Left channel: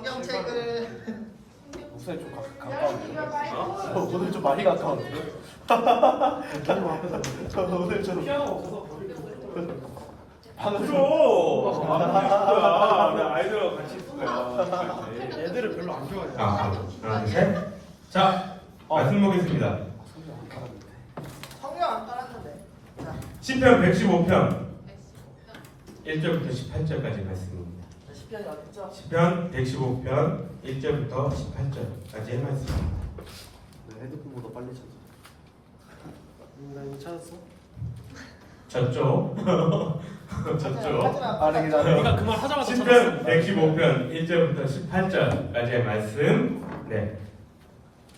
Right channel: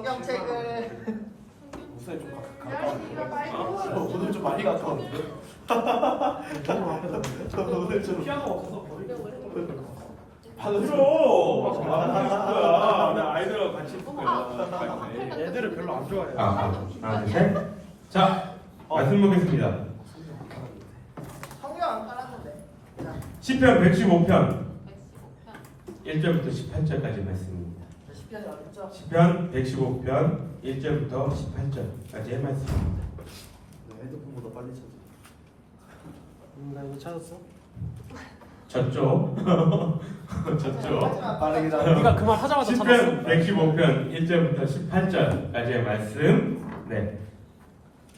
성경책을 목소리 좀 오늘 좀 많이 가까웠는데. 너무 앞에 가는데? 오늘 좀 피아노 없어서 버리고 들어. 아무도 있을 거야. 나 아이들하고 같이 있을 거야. 애들을 별로 안 좋아해요. 하나, 셋. 자, 말씀 보겠습니다. 성경 안 따랐는데. 시편 115편 1절부터 18절까지 말씀입니다. 시편 115편 1절부터 18절까지의 말씀입니다. 핸드폰보다 빨리 찾아. 나 이거 찾았어? 졌죠? 졌죠? 빠르게 네가 그 말 하자마자 찾았어. 시편 115편 1절부터 18절까지의 말씀. 네,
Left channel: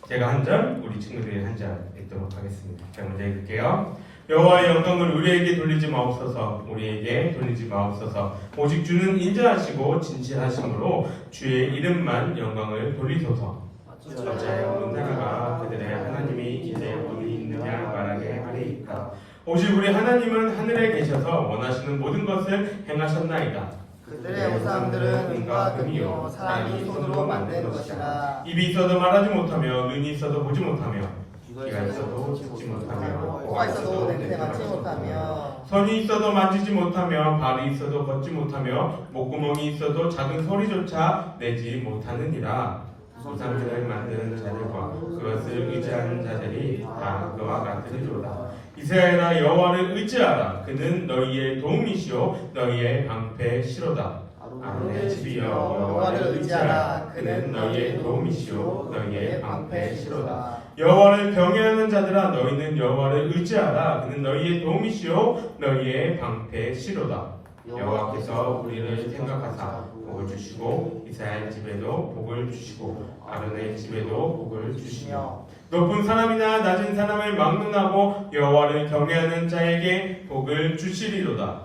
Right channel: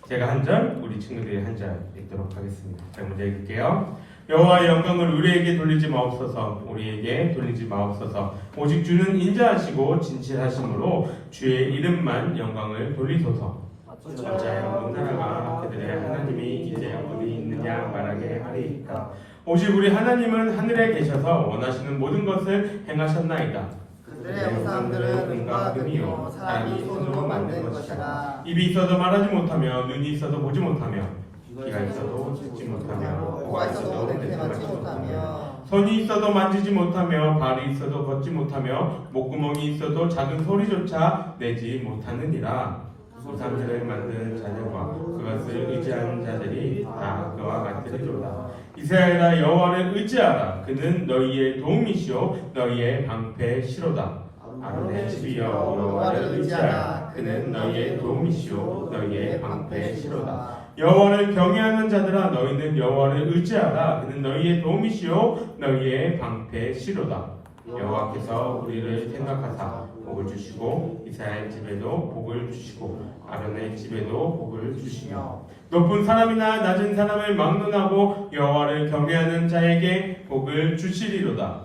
제가 한 절, 우리 친구들이 한 절 읽도록 하겠습니다. 자, 먼저 읽을게요. 여호와의 영광을 우리에게 돌리지 마옵소서. 우리에게 돌리지 마옵소서. 오직 주는 인자하시고 진실하심으로 주의 이름만 영광을 돌리소서. 어찌하여 온 나라가 그들의 하나님이 이제 어디 있느냐 말하게 하리이까. 오직 우리 하나님은 하늘에 계셔서 원하시는 모든 것을 행하셨나이다. 그들의 우상들은 은과 금이요 사람이 손으로 만든 것이다. 입이 있어도 말하지 못하며 눈이 있어도 보지 못하며 귀가 있어도 듣지 못하며 코가 있어도 냄새맡지 못하며 손이 있어도 만지지 못하며 발이 있어도 걷지 못하며 목구멍이 있어도 작은 소리조차 내지 못하느니라. 우상들을 만든 자들과 그것을 의지하는 자들이 다 그와 같으리로다. 이스라엘아, 여호와를 의지하라. 그는 너희의 도움이시오 너희의 방패시로다. 아론의 집이여, 여호와를 의지하라. 그는 너희의 도움이시오 너희의 방패시로다. 여호와를 경외하는 자들아, 너희는 여호와를 의지하라. 그는 너희의 도움이시오 너희의 방패시로다. 여호와께서 우리를 생각하사 복을 주시고 이스라엘 집에도 복을 주시고 아론의 집에도 복을 주시며 높은 사람이나 낮은 사람을 막론하고 여호와를 경외하는 자에게 복을 주시리로다.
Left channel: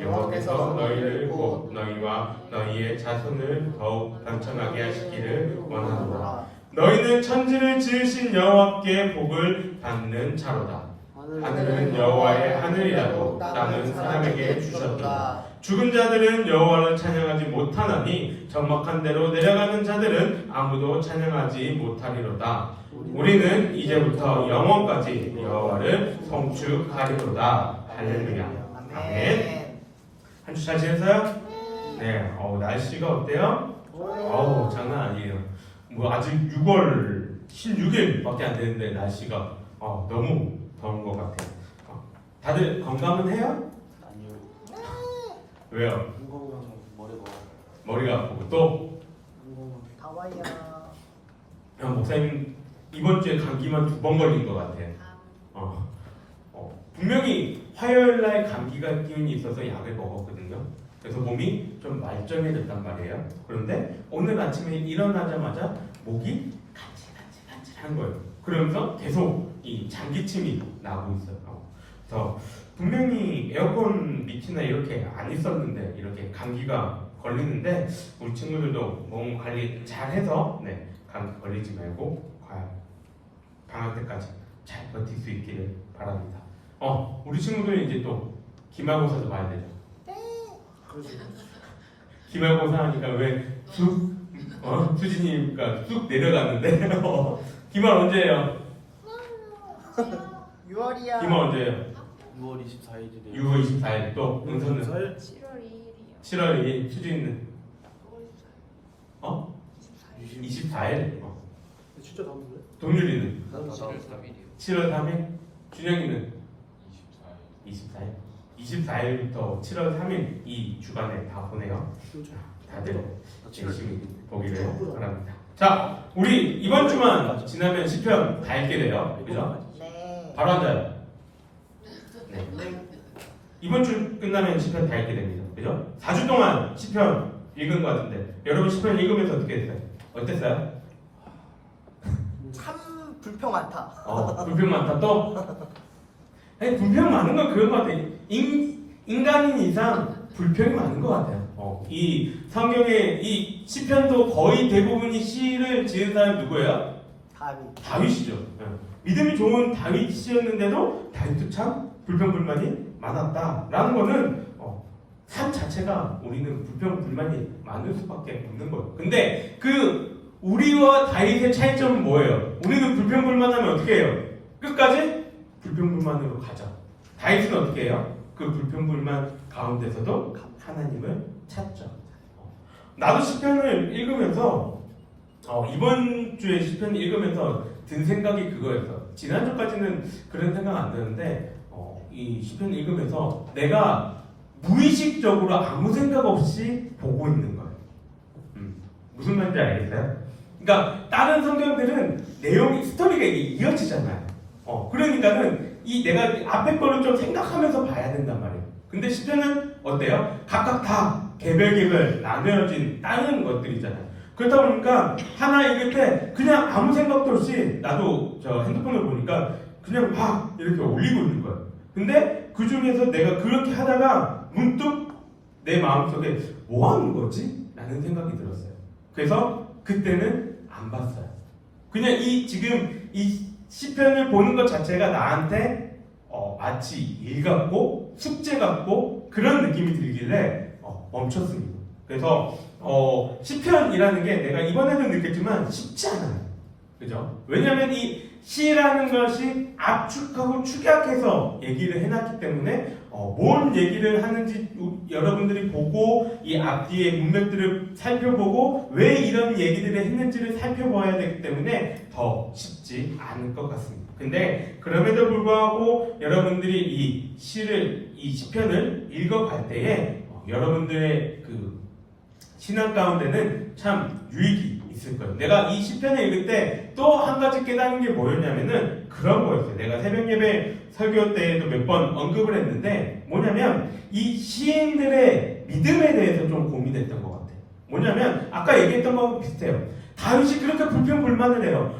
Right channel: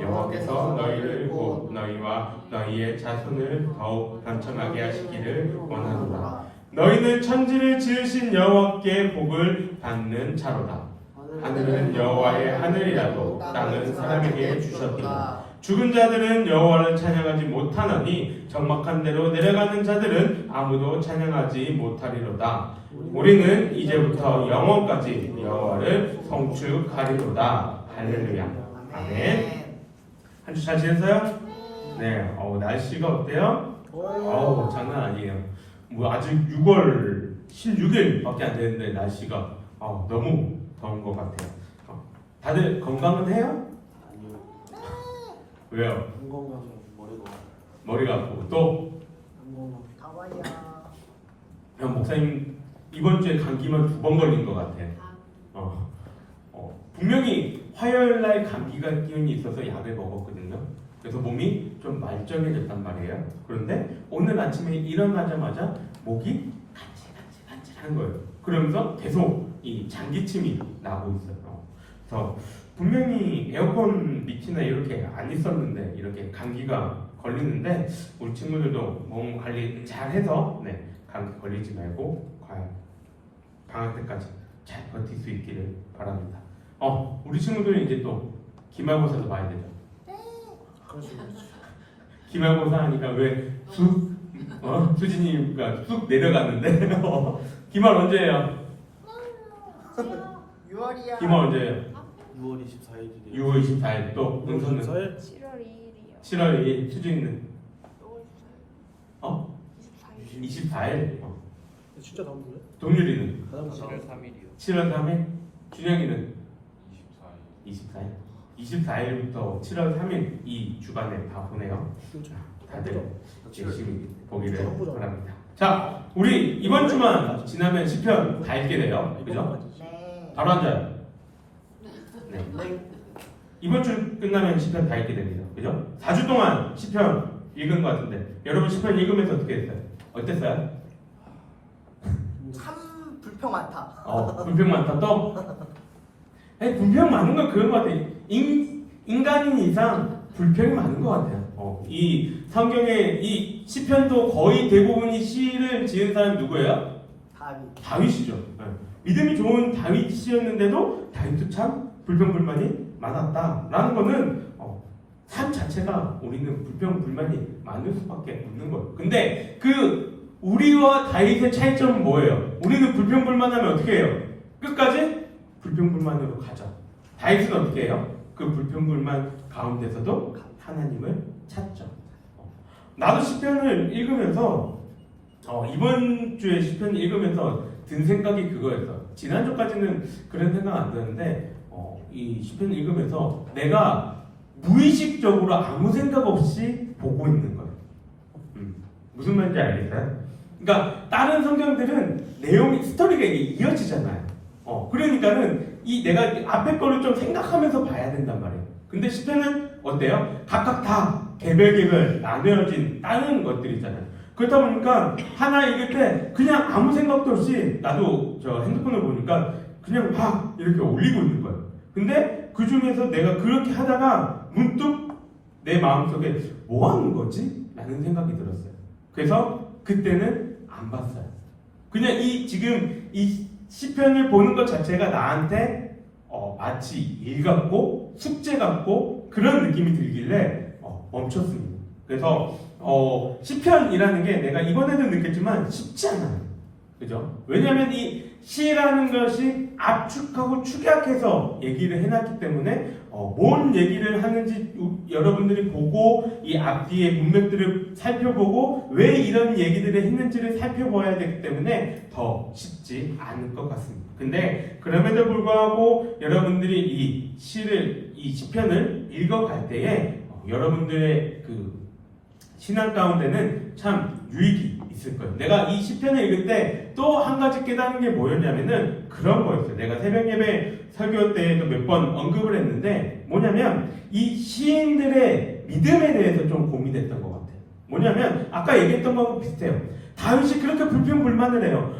여호와께서 너희를 곧 너희와 너희의 자손을 더욱 번창하게 하시기를 원하노라. 너희는 천지를 지으신 여호와께 복을 받는 자로다. 하늘은 여호와의 하늘이라도 땅은 사람에게 주셨도다. 죽은 자들은 여호와를 찬양하지 못하나니 적막한 데로 내려가는 자들은 아무도 찬양하지 못하리로다. 우리는 이제부터 영원까지 여호와를 성축하리로다. 할렐루야. 아멘. 한 주 잘 지냈어요? 네. 날씨가 어때요? 장난 아니에요. 뭐 아직 6월 16일밖에 안 되는데 날씨가 너무 더운 것 같아요. 다들 건강은 해요? 왜요? 머리가 아프고 또? 형 목사님 이번 주에 감기만 2번 걸린 것 같아요. 분명히 화요일 날 감기가 기운이 있어서 약을 먹었거든요. 그래서 몸이 좀 말쩡해졌단 말이에요. 그런데 오늘 아침에 일어나자마자 목이 간질간질한 거예요. 그러면서 계속 이 장기침이 나고 있어요. 그래서 분명히 에어컨 밑이나 이렇게 안 있었는데 이렇게 감기가 걸리는데 우리 친구들도 몸 관리 잘 해서 감기 걸리지 말고 방학 때까지 잘 버틸 수 있기를 바랍니다. 우리 친구들은 이제 또 기말고사도 봐야 되죠. 기말고사 하니까 왜 수진이가 쑥 내려갔는데 기말 언제예요? 6월이야. 기말 언제예요? 6월 24일이래. 6월 24일 또 은서는 7월 2일이요. 7월 2일 수진이는 24일 진짜 더운데? 동률이는 3일이요. 7월 3일 준영이는 24일부터 7월 3일 이 주간에 다 보내요. 다들 열심히 보기를 바랍니다. 자, 우리 이번 주만 지나면 시편 다 읽게 돼요. 그죠? 네. 바로 앉아요. 네. 이번 주 끝나면 시편 다 읽게 됩니다. 그죠? 4주 동안 시편 읽은 것 같은데 여러분 시편 읽으면서 어떻게 했어요? 어땠어요? 참 불평 많다. 불평 많다 또? 아니, 불평 많은 건 그런 것 같아요. 인간인 이상 불평이 많은 것 같아요. 이 성경의 이 시편도 거의 대부분이 시를 지은 사람이 누구예요? 다윗이죠. 믿음이 좋은 다윗이었는데도 다윗도 참 불평불만이 많았다라는 거는 삶 자체가 우리는 불평불만이 많을 수밖에 없는 거예요. 근데 그 우리와 다윗의 차이점은 뭐예요? 우리는 불평불만하면 어떻게 해요? 끝까지 불평불만으로 가죠. 다윗은 어떻게 해요? 그 불평불만 가운데서도 하나님을 찾죠. 나도 시편을 읽으면서 이번 주에 시편을 읽으면서 든 생각이 그거였어. 지난주까지는 그런 생각 안 드는데 이 시편을 읽으면서 내가 무의식적으로 아무 생각 없이 보고 있는 거예요. 무슨 말인지 알겠어요? 그러니까 다른 성경들은 내용이 스토리가 이게 이어지잖아요. 그러니까는 이 내가 앞에 거를 좀 생각하면서 봐야 된단 말이에요. 근데 시편은 어때요? 각각 다 개별 나누어진 다른 것들이잖아요. 그렇다 보니까 하나 읽을 때 그냥 아무 생각도 없이 나도 저 핸드폰을 보니까 그냥 막 이렇게 올리고 있는 거예요. 근데 그 중에서 내가 그렇게 하다가 문득 내 마음속에 뭐 하는 거지? 라는 생각이 들었어요. 그래서 그때는 안 봤어요. 그냥 지금 이 시편을 보는 것 자체가 나한테 마치 일 같고 숙제 같고 그런 느낌이 들길래 멈췄습니다. 그래서 시편이라는 게 내가 이번에도 느꼈지만 쉽지 않아요. 그죠? 왜냐하면 이 시라는 것이 압축하고 축약해서 얘기를 해놨기 때문에 뭔 얘기를 하는지 여러분들이 보고 이 앞뒤의 문맥들을 살펴보고 왜 이런 얘기들을 했는지를 살펴봐야 되기 때문에 더 쉽지 않을 것 같습니다. 근데 그럼에도 불구하고 여러분들이 이 시편을 읽어갈 때에 여러분들의 그 신앙 가운데는 참 유익이 있을 거예요. 내가 이 시편을 읽을 때 또 한 가지 깨닫는 게 뭐였냐면은 그런 거였어요. 내가 새벽 예배 설교 때에도 몇 번 언급을 했는데 뭐냐면 이 시인들의 믿음에 대해서 좀 고민했던 것 같아요. 뭐냐면 아까 얘기했던 거하고 비슷해요. 다윗이 그렇게 불평불만을 해요.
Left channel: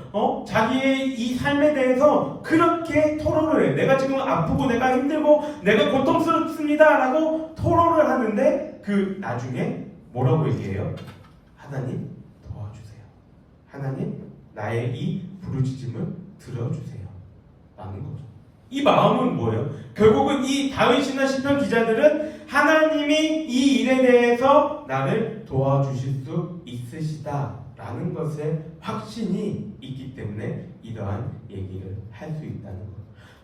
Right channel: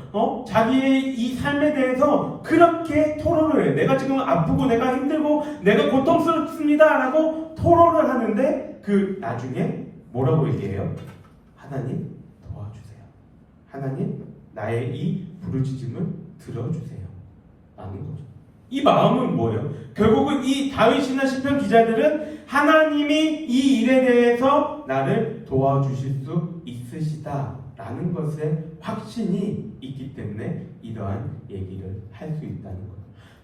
자기의 이 삶에 대해서 그렇게 토론을 해요. 내가 지금 아프고 내가 힘들고 내가 고통스럽습니다라고 토론을 하는데 그 나중에 뭐라고 얘기해요? 하나님 도와주세요. 하나님 나의 이 부르짖음을 들어주세요. 라는 거죠. 이 마음은 뭐예요? 결국은 이 다윗이나 시편 기자들은 하나님이 이 일에 대해서 나를 도와주실 수 있으시다 라는 것에 확신이 있기 때문에 이러한 얘기를 할 수 있다는 것.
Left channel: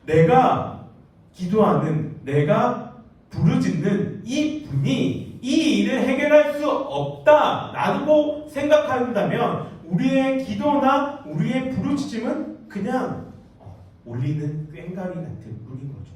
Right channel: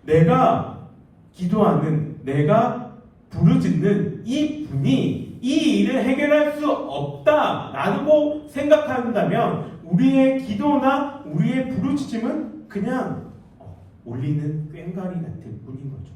내가 기도하는, 내가 부르짖는 이 분이 이 일을 해결할 수 없다라고 생각한다면 우리의 기도나 우리의 부르짖음은 그냥 울리는 꽹과리 같은 뿐인 거죠.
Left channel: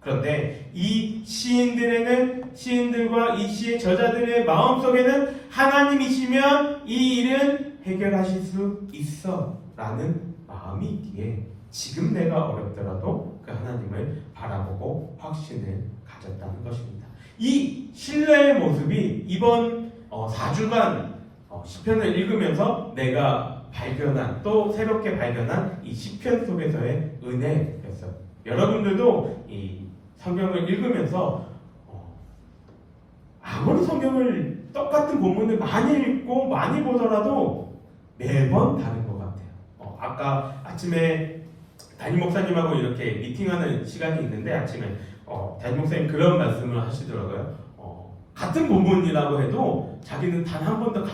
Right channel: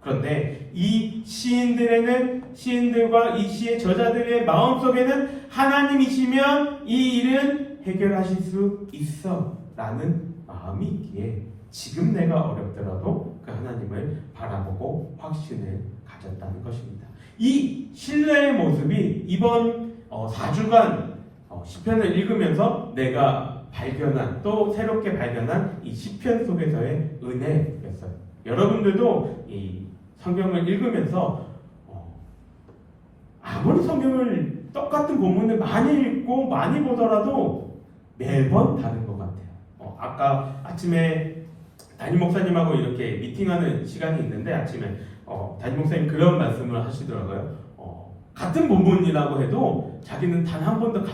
그런데 이 시인들과 이 시의 저자들의 마음속에는 하나님이시면 이 일은 해결하실 수 있어 라는 마음이 있기에 지금 내가 어렵더라도 그 하나님을 바라보고 확신을 가졌다는 것입니다. 이 신뢰의 모습이 이번 4주간 시편을 읽으면서 내가 발견한 또 새롭게 발견한 이 시편 속에서의 은혜였어요. 여러분들도 이 성경을 읽으면서 아무리 성경을 똑같은 본문을 많이 읽고 많이 보더라도 매번 다른 것 같아요. 아까 아침에 담임 목사님하고 이렇게 미팅하는 시간이 있는데 아침에 담임 목사님 그런 말씀을 하시더라고요. 같은 본문이라고 해도 자기는 단 한 번도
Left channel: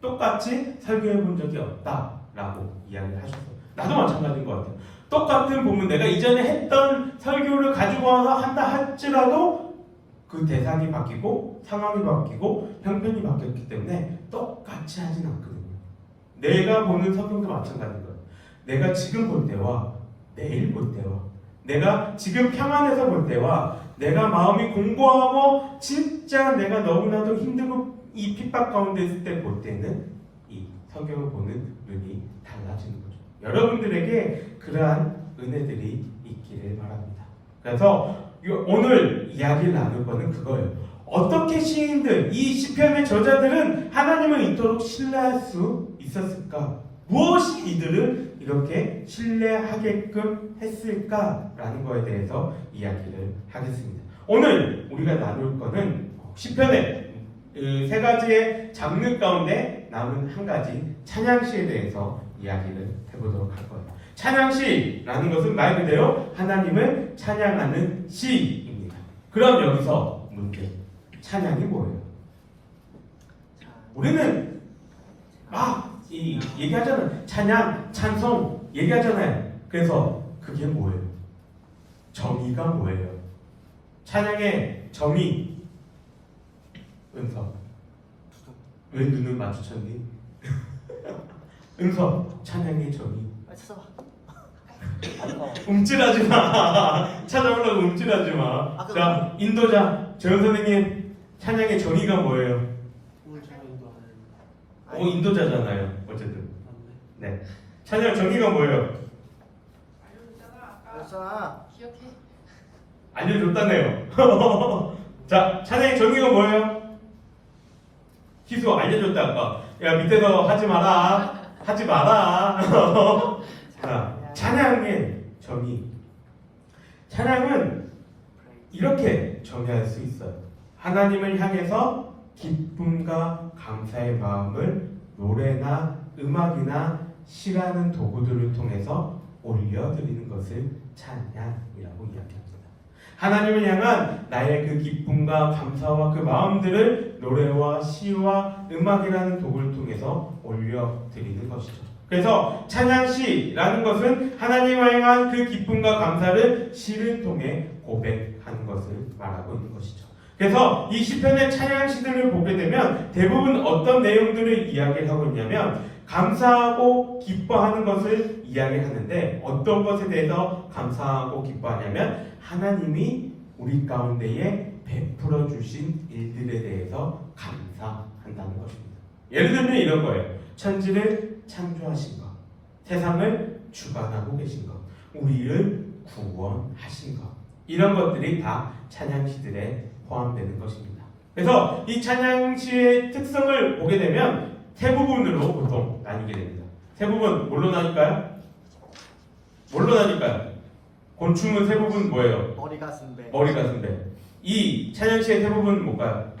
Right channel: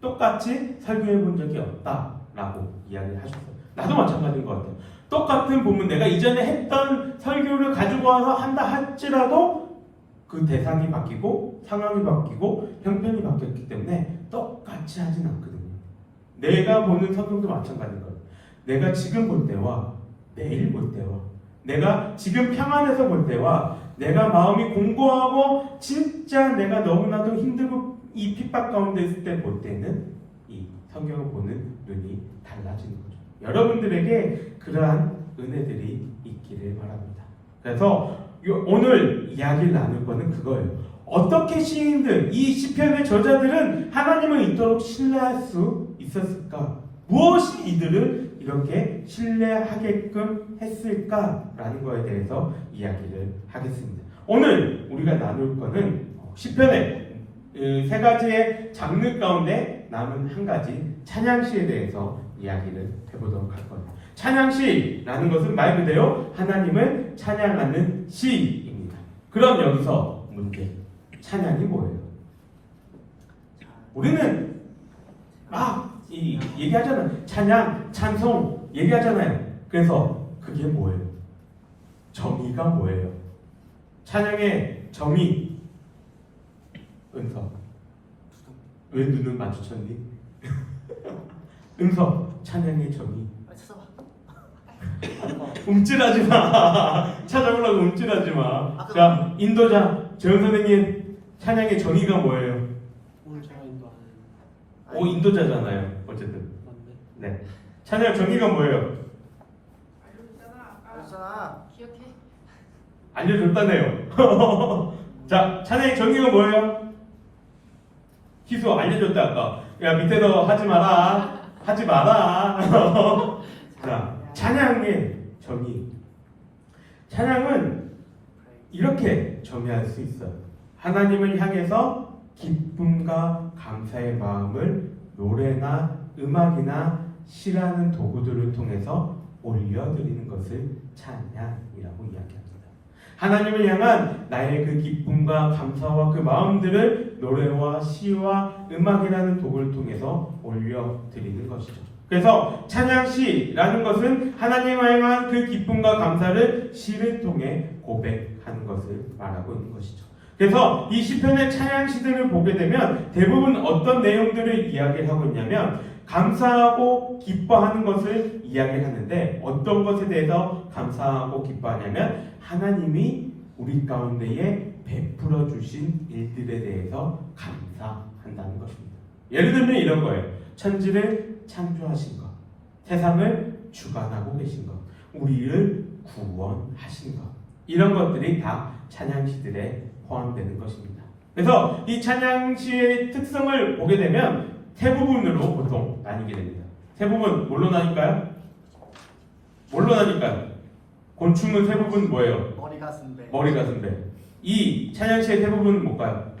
똑같이 설교해 본 적이 없다라고 이야기를 하셨어요. 나도 마찬가지인 것 같아요. 똑같은 본문 내가 이전에 했던 설교를 가지고 와서 한다 할지라도 그 대상이 바뀌고 상황이 바뀌고 형편이 바뀌었기 때문에 똑같이 하진 않거든요. 내가 보는 성경도 마찬가지인 거예요. 내가 지금 볼 때와 내일 볼 때와 내가 지금 평안해서 볼 때와 내가 마음이 공고하고 진짜 내가 너무나도 힘들고 이 핍박 가운데 있을 때 볼 때는 이 성경을 보는 눈이 달라지는 거죠. 여러분들에게 그러한 은혜들이 있기를 바랍니다. 그래서 오늘 이야기를 나눌 거는 그거예요. 어떻게 시인들, 이 시편의 저자들은 하나님을 이토록 신뢰할 수 있었을까? 무엇이 이들을 이렇게 신뢰하게끔 했을까라는 거에 대해서 이야기를 하겠습니다. 오늘 우리가 나눌 거는 시편의 세 가지의 장르 가운데 남은 한 가지 찬양시에 대해서 이야기를 해보도록 할 거예요. 찬양시라는 것은 말 그대로 하나님을 찬양하는 시입니다. 그럼 여기서 문제. 찬양이 뭐예요? 우리는 얘기하잖아요. 찬양, 찬송 얘기하잖아요. 그래서 그게 뭐예요? 정의가 뭐예요? 찬양의 정의. 은석. 왜 눈을 마주쳤니? 은석. 찬양의 정의. 움찔하지 마. 찾아보려고 움찔하지 마. 자, 인도자 재현 선생님, 찬양의 정의가 뭐예요? 오늘 제가 인도하는. 인도자잖아요. 어쨌든. 네. 찬양 정의가 뭐예요? 알았잖아. 알려줬다네요. 자, 찬양의 정의가 뭐예요? 희수 알려줬다 아까. 야, 밑에서 하지 마라. 하지 마라. 자, 찬양의 정의. 찬양은 이렇게 정의할 수 있어요. 하나님을 향해서 기쁨과 감사의 마음을 노래나 음악이나 시라는 도구들을 통해서 올려드리는 것을 찬양이라고 이야기합니다. 하나님을 향한 나의 그 기쁨과 감사와 그 마음들을 노래와 시와 음악이라는 도구를 통해서 올려드리는 것이죠. 그래서 찬양시라는 것은 하나님을 향한 그 기쁨과 감사를 시를 통해 고백하는 것을 말하고 있는 것이죠. 그래서 이 시편의 찬양시들을 보게 되면 대부분 어떤 내용들을 이야기하고 있냐면 감사하고 기뻐하는 것을 이야기하는데 어떤 것에 대해서 감사하고 기뻐하냐면 하나님이 우리 가운데에 베풀어 주신 일들에 대해서 감사한다는 것입니다. 예를 들면 이런 거예요. 천지를 창조하신 것, 세상을 주관하고 계신 것, 우리를 구원하신 것, 이런 것들이 다 찬양시들에 포함되는 것입니다. 그래서 이 찬양시의 특성을 보게 되면 세 부분으로 보통 나뉘게 됩니다. 세 부분 뭘로 나뉠까요? 뭘로 나뉠까요? 곤충은 세 부분 뭐예요? 머리 가슴 배. 머리 가슴 배. 이 찬양시의 세 부분은 뭘까요?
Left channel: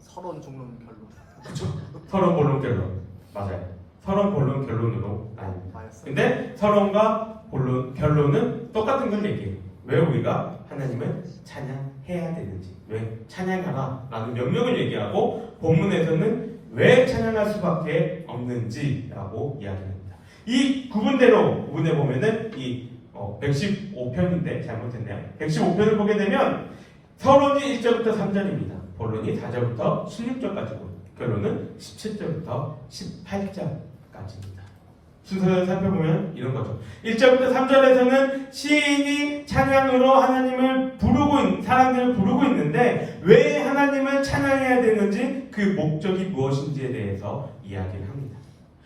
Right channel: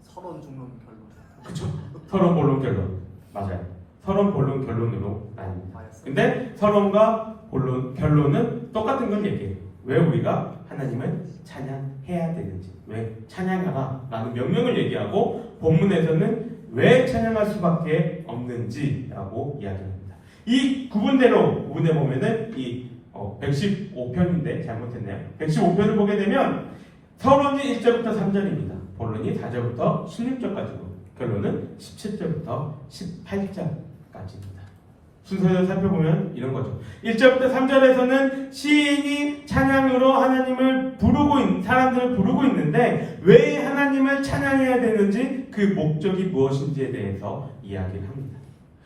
서론 중론 결론. 그쵸? 서론 본론 결론. 맞아요. 서론 본론 결론으로 나뉩니다. 근데 서론과 본론 결론은 똑같은 걸 얘기해요. 왜 우리가 하나님을 찬양해야 되는지, 왜 찬양하라 라는 명령을 얘기하고 본문에서는 왜 찬양할 수밖에 없는지라고 이야기합니다. 이 구분대로 구분해 보면은 이 115편인데 잘못했네요. 115편을 보게 되면 서론이 1절부터 3절입니다. 본론이 4절부터 16절까지고 결론은 17절부터 18절까지입니다. 순서대로 살펴보면 이런 거죠. 1절부터 3절에서는 시인이 찬양으로 하나님을 사람들을 부르고 있는데 왜 하나님을 찬양해야 되는지 그 목적이 무엇인지에 대해서 이야기를 합니다.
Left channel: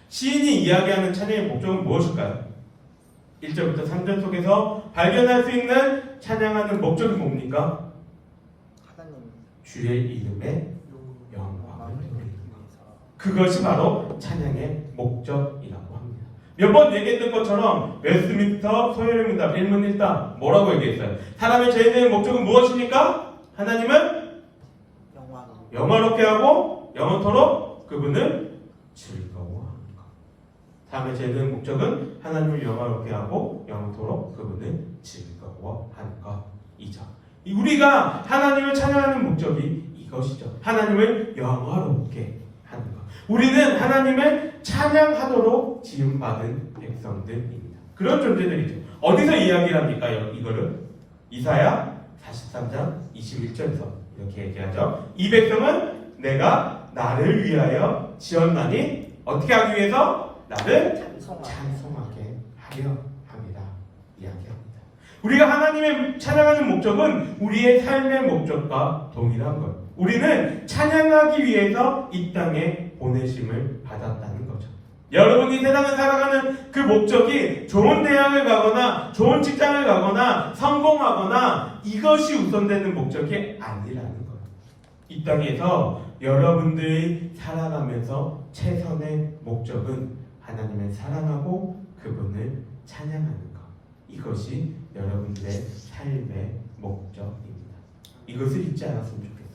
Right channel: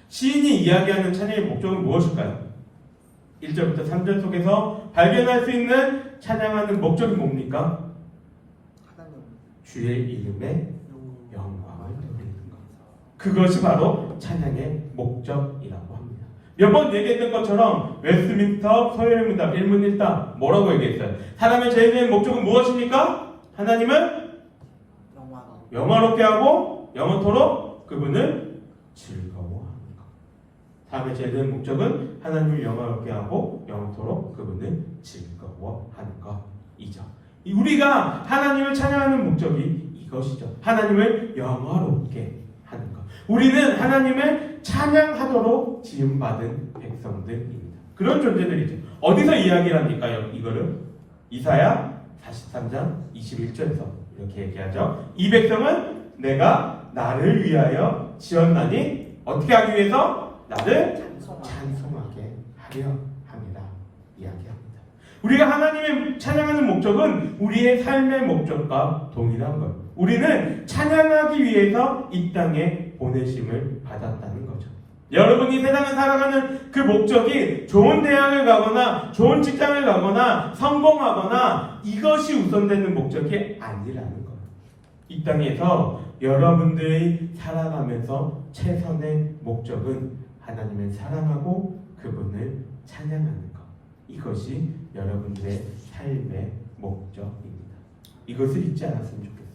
시인이 이야기하는 찬양의 목적은 무엇일까요? 1절부터 3절 속에서 발견할 수 있는 찬양하는 목적이 뭡니까? 하나님. 주의 이름에 영광을 돌리는 것. 그것이 바로 찬양의 목적이라고 합니다. 몇 번 얘기했던 것처럼 웨스트민스터 서열문답 1문 1답 뭐라고 얘기했어요? 사람의 제일 목적은 무엇입니까? 하나님을 영화롭게 하고 영원토록 그분을 즐거워하는 것. 사람의 제일 목적은 하나님을 영화롭게 하고 영원토록 그분을 즐거워하는 것이죠. 우리가 하나님을 찬양하는 목적이 이것이죠. 하나님을 영화롭게 하는 것. 우리는 하나님을 찬양하도록 지음받은 백성들입니다. 그런 존재들이죠. 어디서 이야기를 합니까? 이거를 이사야 43장 21절에서 이렇게 얘기하죠. 이 백성은 내가 나를 위하여 지었나니 어떻게 하기 위해서? 나를 찬송하게 하려 합니다. 이야기합니다. 우리가 하나님의 찬양하는 목적은 우리의 삶의 목적과 동일한 것. 우리는 찬양하기 위해서 이 땅에 보내심을 받았다는 거죠. 여러분이 세상을 살아가는 그 목적이 좋은 대학을 가거나 좋은 직장을 가거나 성공하거나 이것이 우선되는 목적이 아니라는 거예요. 이 땅에서 여러분들이 살아가면서 최선의 목적은 하나님을 사랑하고 그분을 찬양하는 것. 이것이 여러분들의 삶의 목적입니다. 이것을 잊지 않았으면 좋겠어요.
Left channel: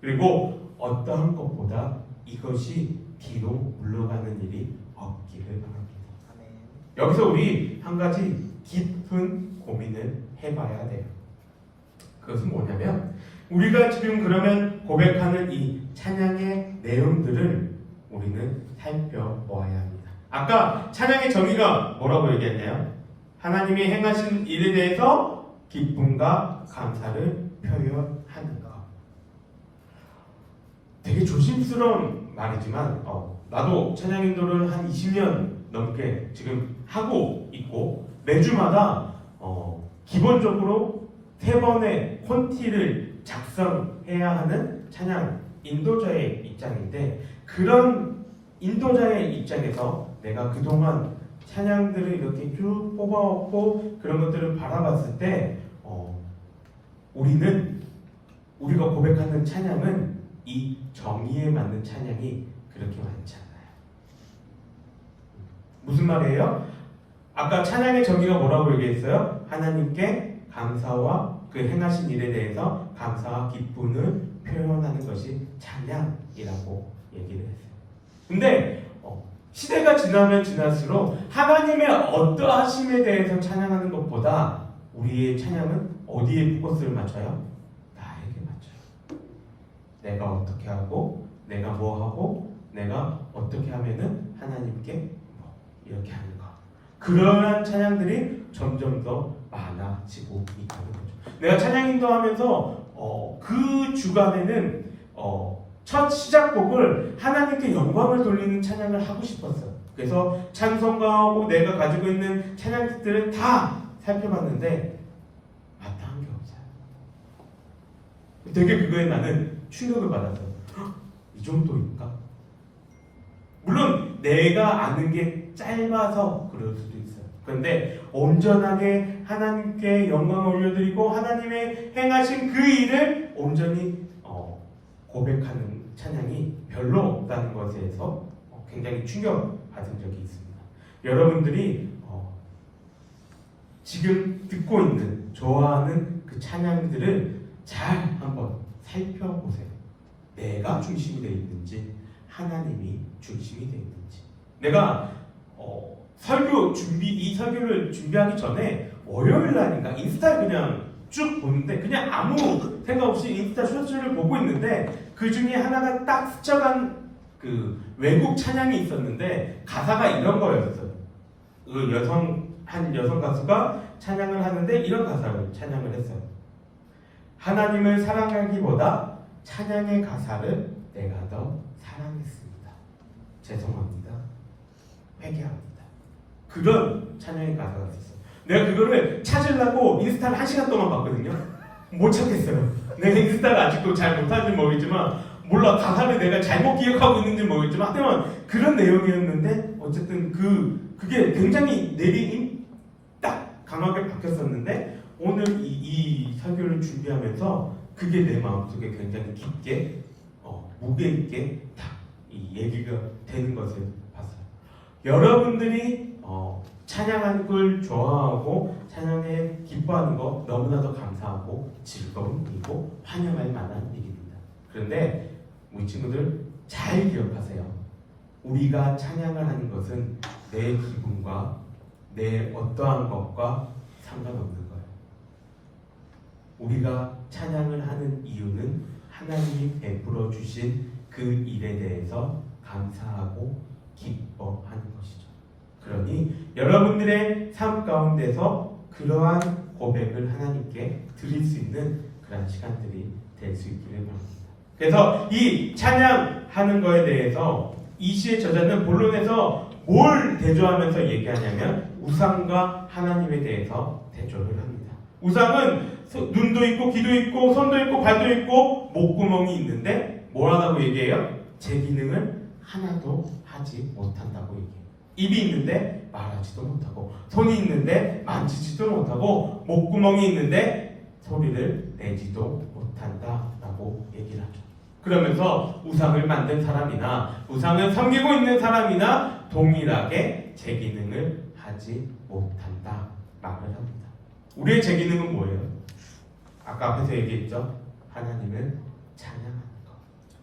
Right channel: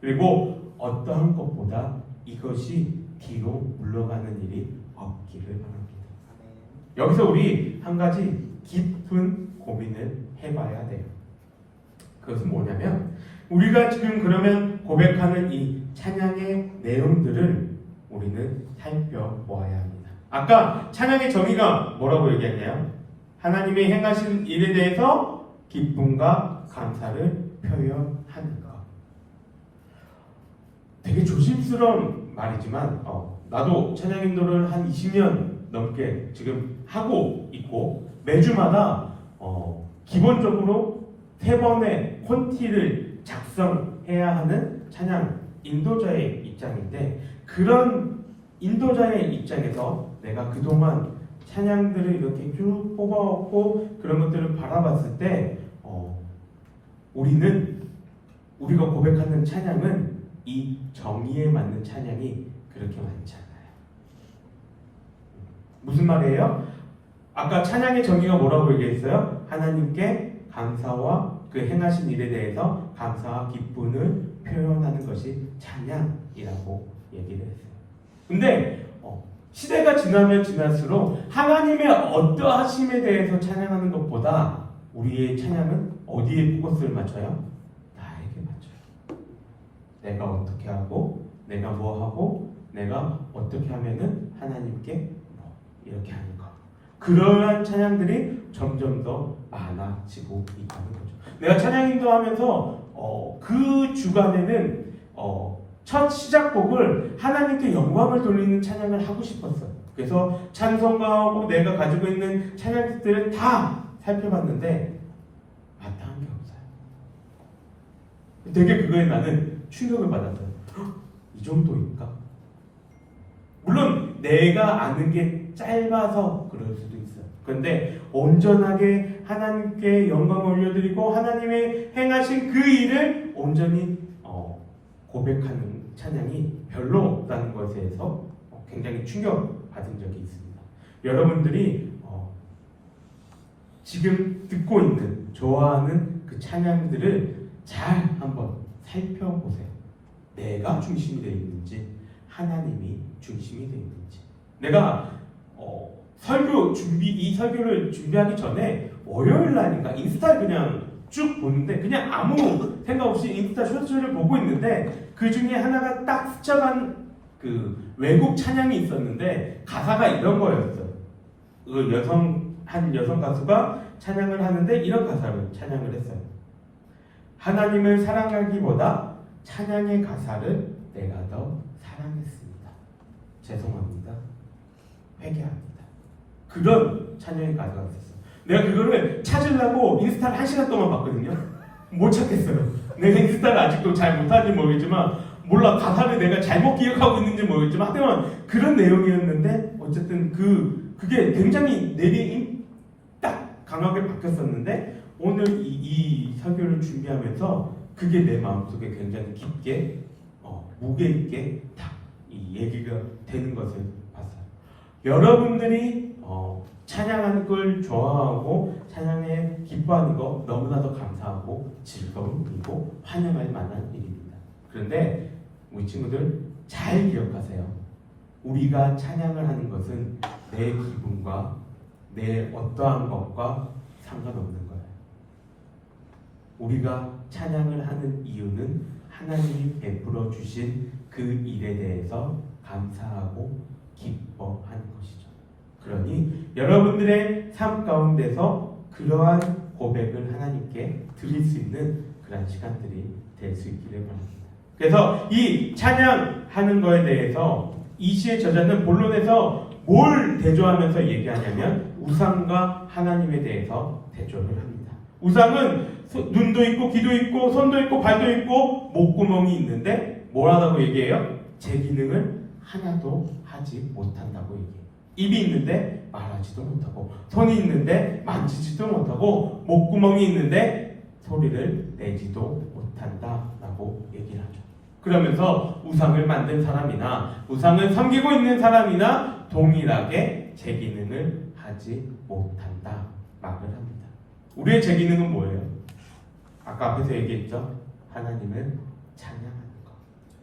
그리고 어떠한 것보다 이것이 뒤로 물러가는 일이 없기를 바랍니다. 여기서 우리 한 가지 깊은 고민을 해봐야 돼요. 그것은 뭐냐면 우리가 지금 그러면 고백하는 이 찬양의 내용들을 우리는 살펴보아야 합니다. 아까 찬양의 정의가 뭐라고 얘기했나요? 하나님의 행하신 일에 대해서 기쁨과 감사를 표현하는 것. 되게 조심스러운 말이지만 나도 찬양 인도를 한 20년 넘게 지금 하고 있고 매주마다 기본적으로 3번의 콘티를 작성해야 하는 찬양 인도자의 입장인데 그런 인도자의 입장에서 내가 그동안 찬양들을 이렇게 쭉 뽑아왔고 그런 것들을 바라봤을 때 우리가 고백하는 찬양은 이 정의에 맞는 찬양이 그렇게 많지 않아요. 무슨 말이에요? 아까 찬양의 정의가 뭐라고 얘기했어요? 하나님께 감사와 그 행하신 일에 대해서 감사와 기쁨을 표현하는 것이 찬양이라고 얘기를 했어요. 근데 시대가 지나면 지날수록 하나님의 어떠하심에 대해서 찬양하는 것보다 우리의 찬양은 어디에 포커스를 맞춰요? 나에게 맞춰요. 내가 어떻게 하고 내가 뭐 하고 내가 어떻게 하면은 하나님께 뭐 이렇게 하는 거. 그러한 찬양들이 점점 더 많아지고 있다는 거죠. 내가 찬양 인도하면서 그 주간에는 첫 시작곡을 하나님께 영광을 돌리는 찬양을 하고 싶었어요. 그래서 찬송가하고 내가 가지고 있는 찬양들을 다 살펴봤는데 마땅한 게 없어요. 되게 그거에 나는 충격을 받았어요. 이 정도일까? 물론 내가 아는 게 짧아서 그럴 수도 있어요. 그런데 온전하게 하나님께 영광을 올려드리고 하나님의 행하신 그 일을 온전히 고백하는 찬양이 별로 없다는 것에 대해서 굉장히 충격받은 적이 있습니다. 여러분들이 지금 듣고 있는 좋아하는 그 찬양들을 잘 한번 살펴보세요. 내가 중심이 되어 있는지 하나님이 중심이 되어 있는지. 내가 이 설교를 준비하기 전에 월요일 날인가 인스타 그냥 쭉 보는데 그냥 아무 생각 없이 인스타 쇼츠를 보고 있는데 그 중에 하나가 딱 스쳐간 그 외국 찬양이 있었는데 가사가 이런 거였어요. 한 여성 가수가 찬양을 하는데 이런 가사를 찬양을 했어요. 하나님을 사랑하기보다 찬양의 가사를 내가 더 사랑했습니다. 죄송합니다. 회개합니다. 그런 찬양의 가사가 있었어요. 내가 그거를 찾으려고 인스타를 1시간 동안 봤거든요. 못 찾겠어요. 내가 인스타를 아직도 잘 못하는지 모르겠지만 몰라 가사를 내가 잘못 기억하고 있는지 모르겠지만 하여튼 그런 내용이었는데 어쨌든 그게 굉장히 딱 강하게 바뀌었었는데 오늘 이 설교를 준비하면서 그게 내 마음속에 굉장히 깊게 무게 있게 딱 이 얘기가 되는 것을 봤어요. 여러분들이 찬양하는 걸 좋아하고 찬양에 기뻐하는 거 너무나도 감사하고 즐거운 일이고 환영할 만한 일입니다. 그런데 우리 친구들 잘 기억하세요. 우리가 찬양을 하는 것은 내 기분과 내 어떠한 것과 상관없는 거예요. 우리가 찬양을 하는 이유는 하나님이 베풀어 주신 그 일에 대해서 감사하고 기뻐하는 것이죠. 그러니 여러분들의 삶 가운데서 그러한 고백을 하나님께 드릴 수 있는 그런 시간들이 될 수 있기를 바랍니다. 그래서 이 찬양하는 거에 대해서 이 시의 저자는 본론에서 뭘 대조하면서 얘기하냐면 우상과 하나님에 대해서 대조를 합니다. 우상은 눈도 있고 귀도 있고 손도 있고 발도 있고 목구멍이 있는데 뭘 하다고 얘기해요? 제 기능을 하나도 하지 못한다고 얘기해요. 입이 있는데 말하지도 못하고 손이 있는데 만지지도 못하고 목구멍이 있는데 소리를 내지도 못한다라고 얘기를 하죠. 그러면서 우상을 만든 사람이나 우상을 섬기고 있는 사람이나 동일하게 제 기능을 하지 못한다 말을 합니다. 우리의 제 기능은 뭐예요? 아까 앞에서 얘기했죠. 하나님은 찬양하는 것.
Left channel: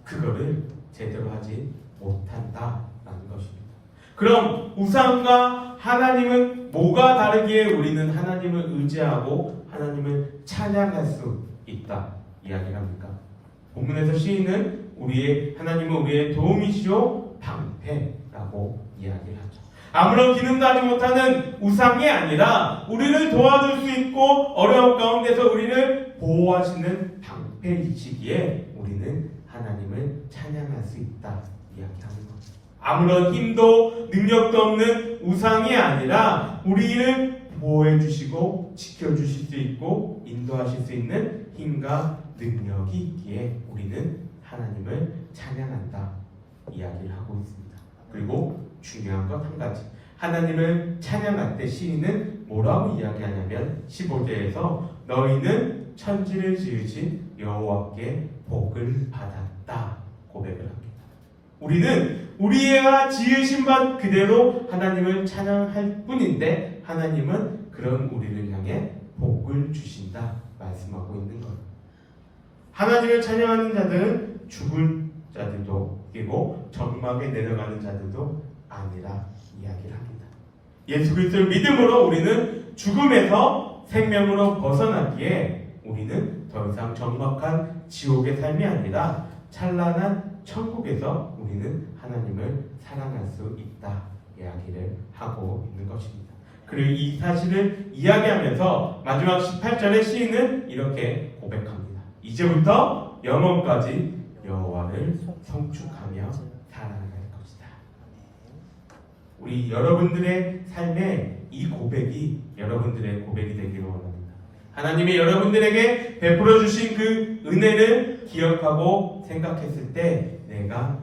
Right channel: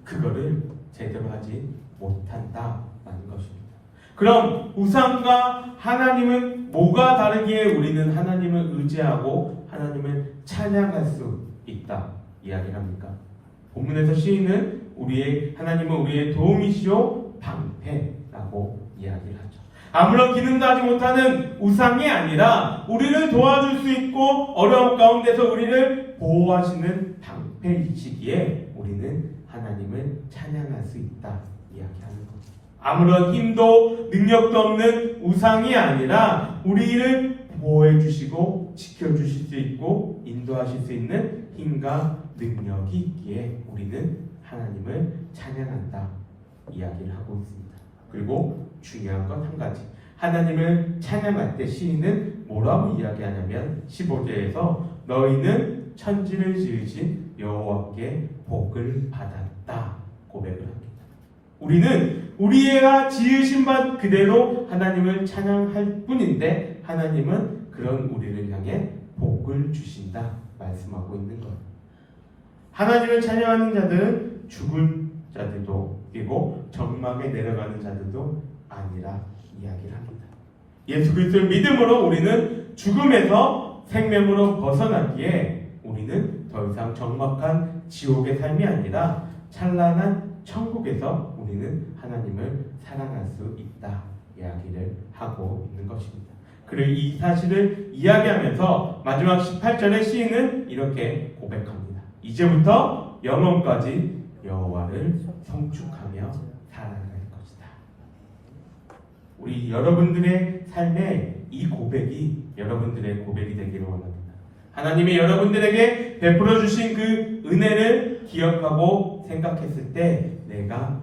그거를 제대로 하지 못한다라는 것입니다. 그럼 우상과 하나님은 뭐가 다르기에 우리는 하나님을 의지하고 하나님을 찬양할 수 있다? 이야기를 합니까? 본문에서 시인은 하나님은 우리의 도움이시오 방패라고 이야기를 하죠. 아무런 기능도 하지 못하는 우상이 아니라 우리를 도와줄 수 있고 어려운 가운데서 우리를 보호하시는 방패이시기에 우리는 하나님을 찬양할 수 있다 이야기하는 거죠. 아무런 힘도 능력도 없는 우상이 아니라 우리를 보호해 주시고 지켜주실 수 있고 인도하실 수 있는 힘과 능력이 있기에 우리는 하나님을 찬양한다 이야기를 하고 있습니다. 그리고 중요한 것 한 가지, 하나님을 찬양할 때 시인은 뭐라고 이야기하냐면 15절에서 너희는 천지를 지으신 여호와께 복을 받았다 고백을 합니다. 우리는 우리가 지으신 바 그대로 하나님을 찬양할 뿐인데 하나님은 그런 우리를 향해 복을 주신다 말씀하고 있는 거예요. 하나님을 찬양하는 자들은 죽은 자들도 그리고 적막에 내려가는 자들도 아니라 이야기를 합니다. 예수 그리스도를 믿음으로 우리는 죽음에서 생명으로 벗어나기에 우리는 더 이상 적막한 지옥의 삶이 아니라 찬란한 천국에서 우리는 하나님을 사랑할 수 있다 이야기를 하고 있는 것입니다. 그리고 이 사실을 이야기하면서 마지막 18절의 시인은 이렇게 고백합니다. 이제부터 영원까지 여호와를 성축하며 살아갈 것이다. 우리 여러분들의 삶에 이 고백이 여러분들의 고백이 되기를 원합니다. 하나님이 여러분들에게 베풀어 주신 그 은혜를 기억하고 생각했을 때 내가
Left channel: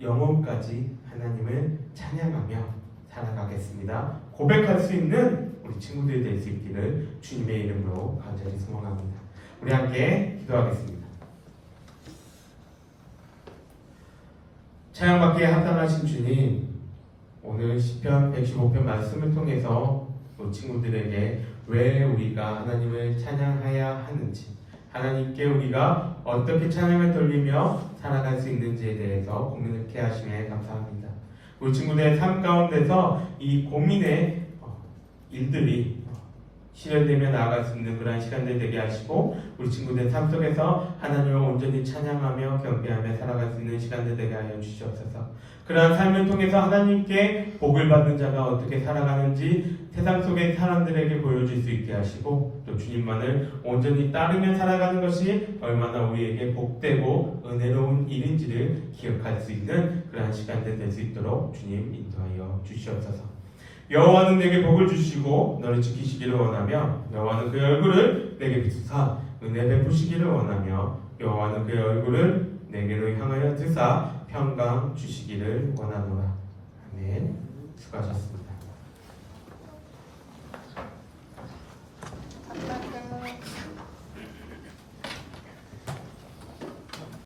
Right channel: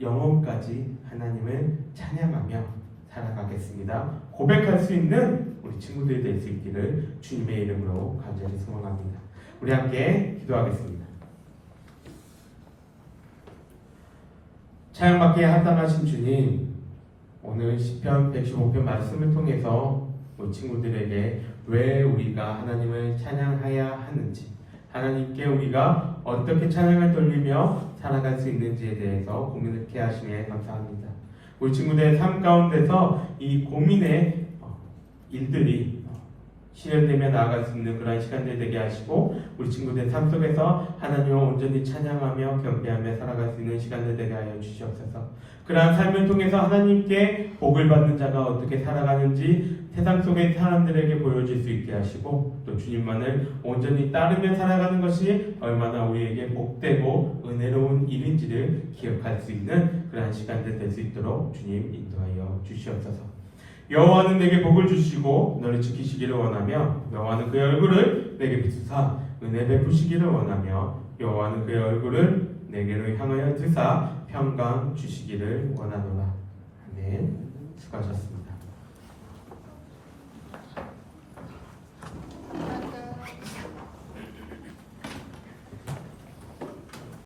영원까지 하나님을 찬양하며 살아가겠습니다. 고백할 수 있는 우리 친구들이 될 수 있기를 주님의 이름으로 간절히 소망합니다. 우리 함께 기도하겠습니다. 찬양받기에 합당하신 주님, 오늘 시편 115편 말씀을 통해서 우리 친구들에게 왜 우리가 하나님을 찬양해야 하는지, 하나님께 우리가 어떻게 찬양을 돌리며 살아갈 수 있는지에 대해서 고민을 하시기에 감사합니다. 우리 친구들의 삶 가운데서 이 고민의 일들이 실현되며 나아갈 수 있는 그러한 시간들이 되게 하시고 우리 친구들의 삶 속에서 하나님을 온전히 찬양하며 경배하며 살아갈 수 있는 시간들 되게 하여 주시옵소서. 그러한 삶을 통해서 하나님께 복을 받는 자가 어떻게 살아가는지 세상 속의 사람들에게 보여줄 수 있게 하시고 또 주님만을 온전히 따르며 살아가는 것이 얼마나 우리에게 복되고 은혜로운 일인지를 기억할 수 있는 그러한 시간들 될 수 있도록 주님 인도하여 주시옵소서. 여호와는 내게 복을 주시고 너를 지키시기를 원하며 여호와는 그의 얼굴을 내게 비추사 은혜 베푸시기를 원하며 여호와는 그의 얼굴을 내게로 향하여 드사 평강 주시기를 원하노라. 아멘. 수고하셨습니다.